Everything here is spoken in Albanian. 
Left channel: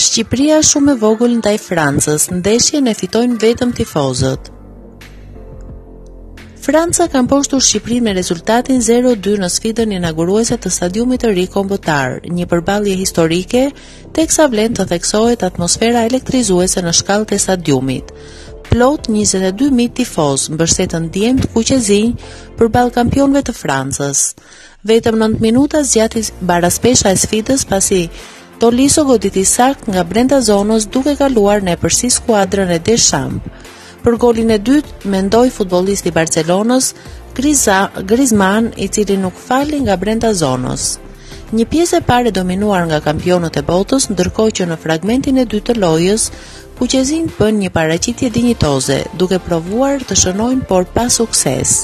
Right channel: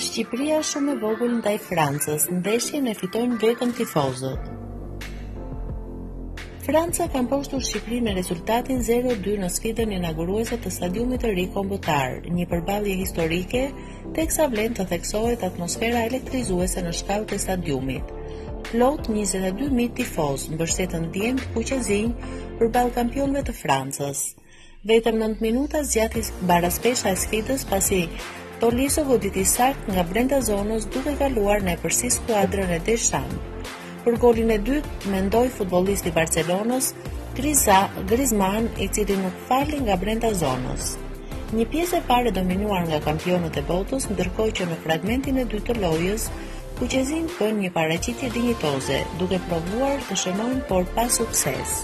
Shqipëria shumë e vogël ndaj Francës, ndeshjen e fitojnë vetëm tifozët. Franca ka mposhtur Shqipërinë me rezultatin 0-2 në sfidën inauguruese të stadiumit të ri kombëtar, një përballje historike, teksa vlen të theksohet atmosfera elektrizuese në shkallët e stadiumit. Plot 22.000 tifoz mbështetën djemt kuqezinj përballë kampionëve të Francës. Vetëm 9 minuta zgjati baraspesha e sfidës pasi Tolisso goditi sakt nga brenda zonës duke kaluar nëpërsi skuadrën e Deschamps. Për golin e dytë mendoi futbollisti i Barcelonës, Griezmann, i cili nuk fali nga brenda zonës. Një pjesë e parë dominuar nga kampionët e botës, ndërkohë që në fragmentin e dytë të lojës, kuqezinjt bën një paraqitje dinjitoze, duke provuar të shënojnë por pa sukses.